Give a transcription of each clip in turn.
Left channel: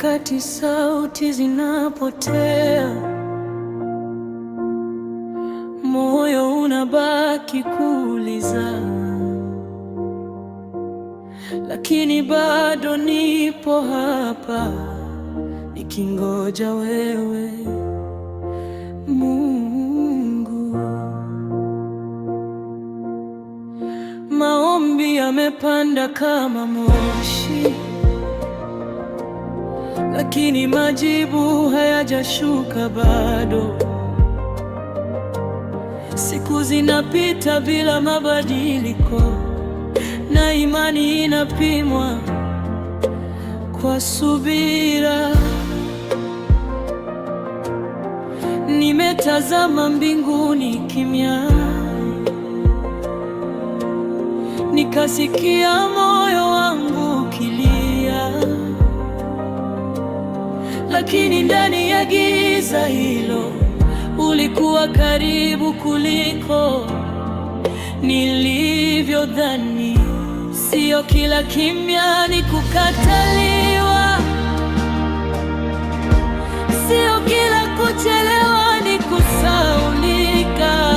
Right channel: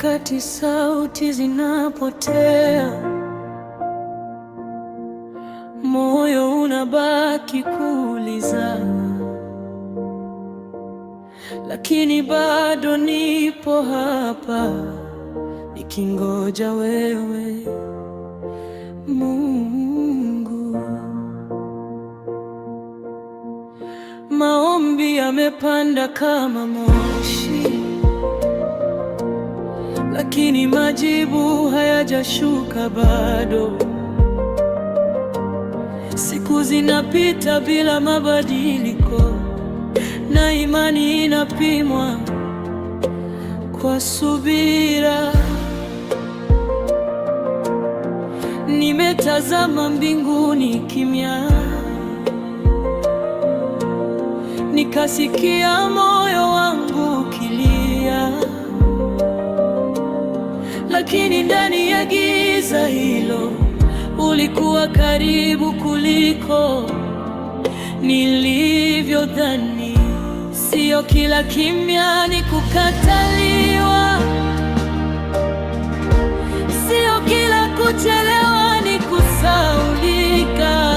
nyakati sauti zinapotea, moyo unabaki kuuliza, lakini bado nipo hapa nikingoja wewe, Mungu. Maombi yamepanda kama moshi, lakini majibu hayajashuka bado. Siku zinapita bila mabadiliko, na imani inapimwa kwa subira. Nimetazama mbinguni kimya, nikasikia moyo wangu ukilia, lakini ndani ya giza hilo ulikuwa karibu kuliko nilivyodhani. Sio kila kimya ni kukataliwa, sio kila kuchelewa ni kusaulika.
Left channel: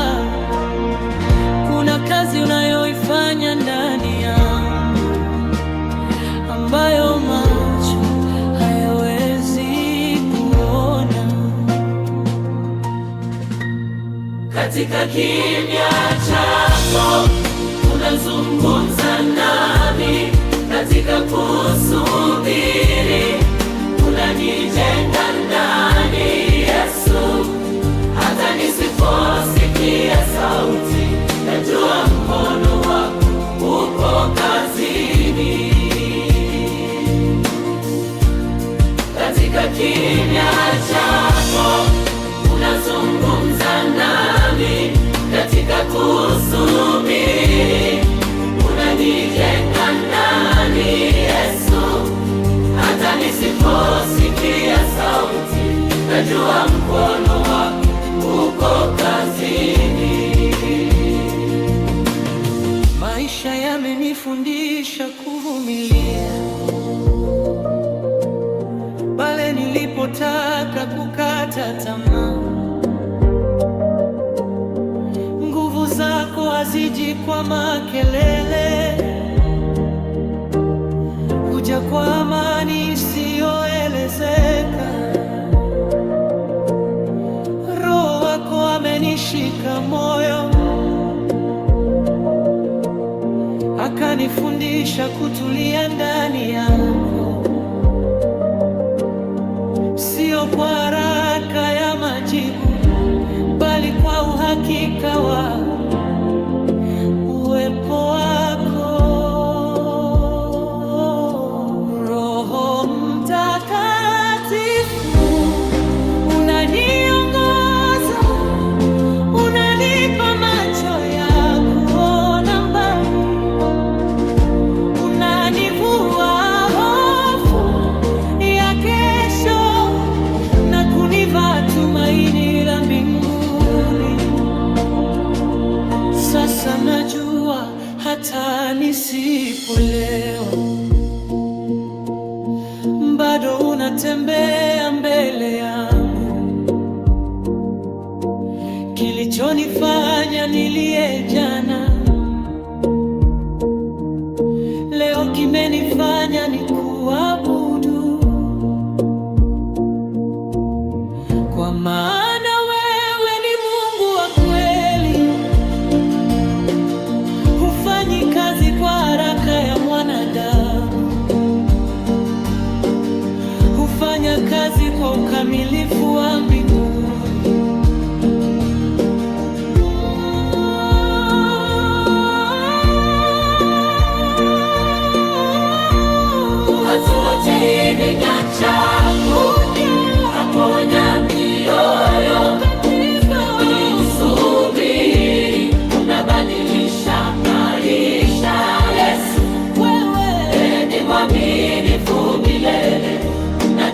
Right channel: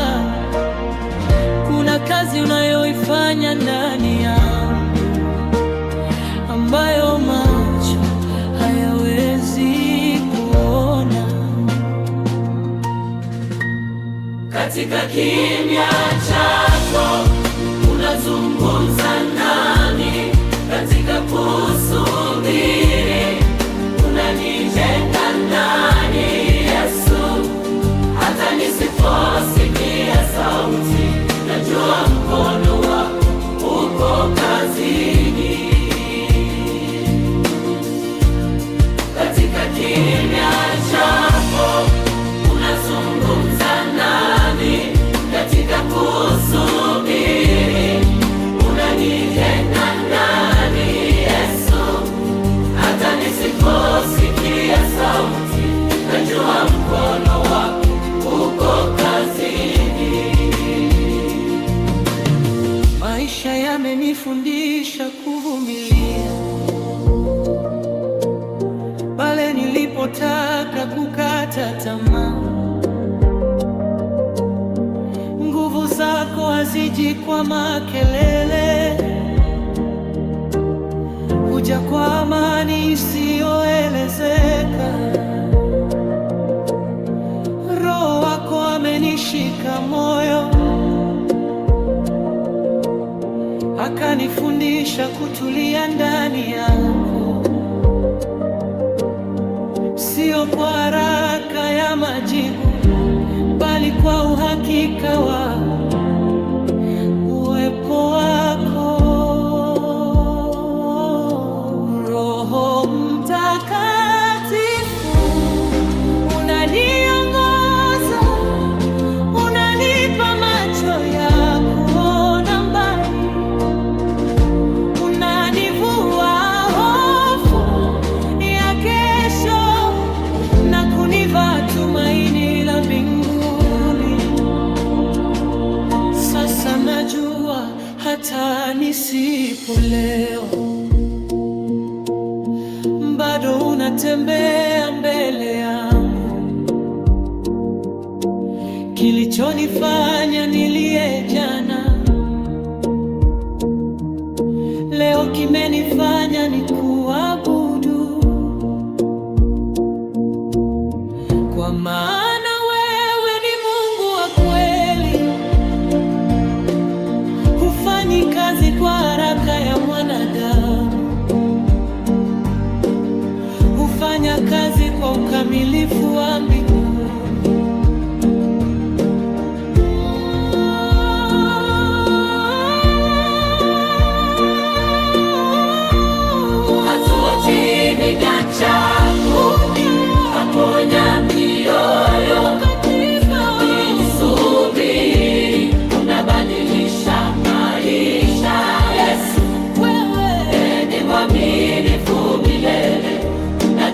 Kuna kazi unayoifanya ndani yangu ambayo macho hayawezi kuona. Katika kimya chako unazungumza nami, katika kusubiri unanijenga ndani, Yesu. Hata nisiposikia sauti, najua mkono wako uko kazini. Katika kimya chako unazungumza nami, katika kusubiri unanijenga ndani, Yesu. Hata nisiposikia sauti, najua mkono wako uko kazini. Maisha yamenifundisha kuvumilia pale nilipotaka kukata tamaa. Nguvu zako haziji kwa makelele, huja kwa amani isiyoelezeka. Roho wako amenishika moyo, akanifundisha kutulia ndani yako, sio kwa haraka ya majibu, bali kwa uhakika wa uwepo wako. Roho Mtakatifu unaniongoza, unanipa macho ya kuona mbali, unanivua hofu ya kesho na kunivaa tumaini la mbinguni. Sasa najua hata nisipolewa, bado unatembea mbele yangu. Kilichonifanya nilie jana, leo kimenifanya nikuabudu, kwa maana wewe ni Mungu wa kweli. Hufanyi kazi kwa haraka ya mwanadamu, hufanya kazi kwa ukamilifu wa mbinguni.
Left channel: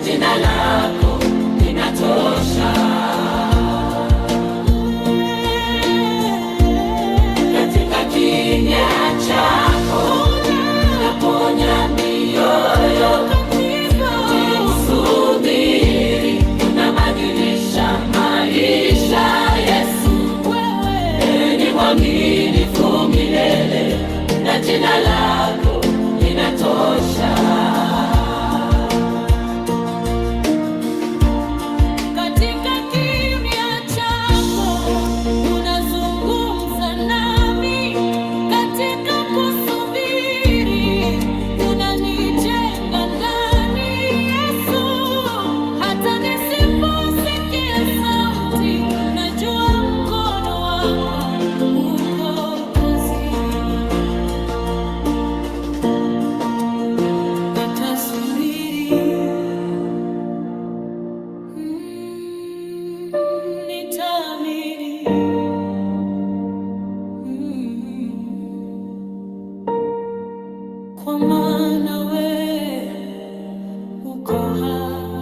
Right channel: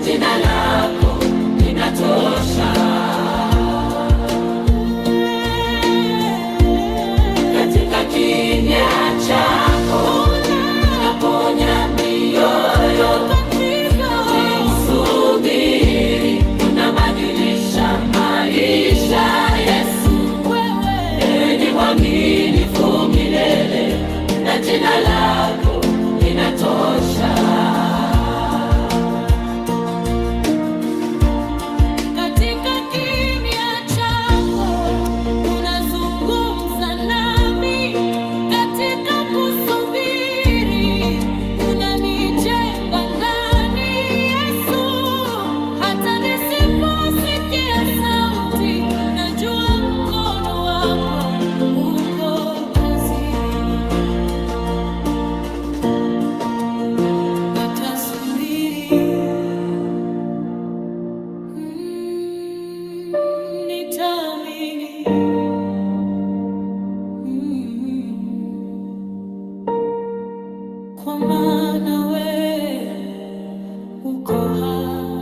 Jina lako linatosha. nitasubiri, nitaamini, kwa maana wewe uko hai.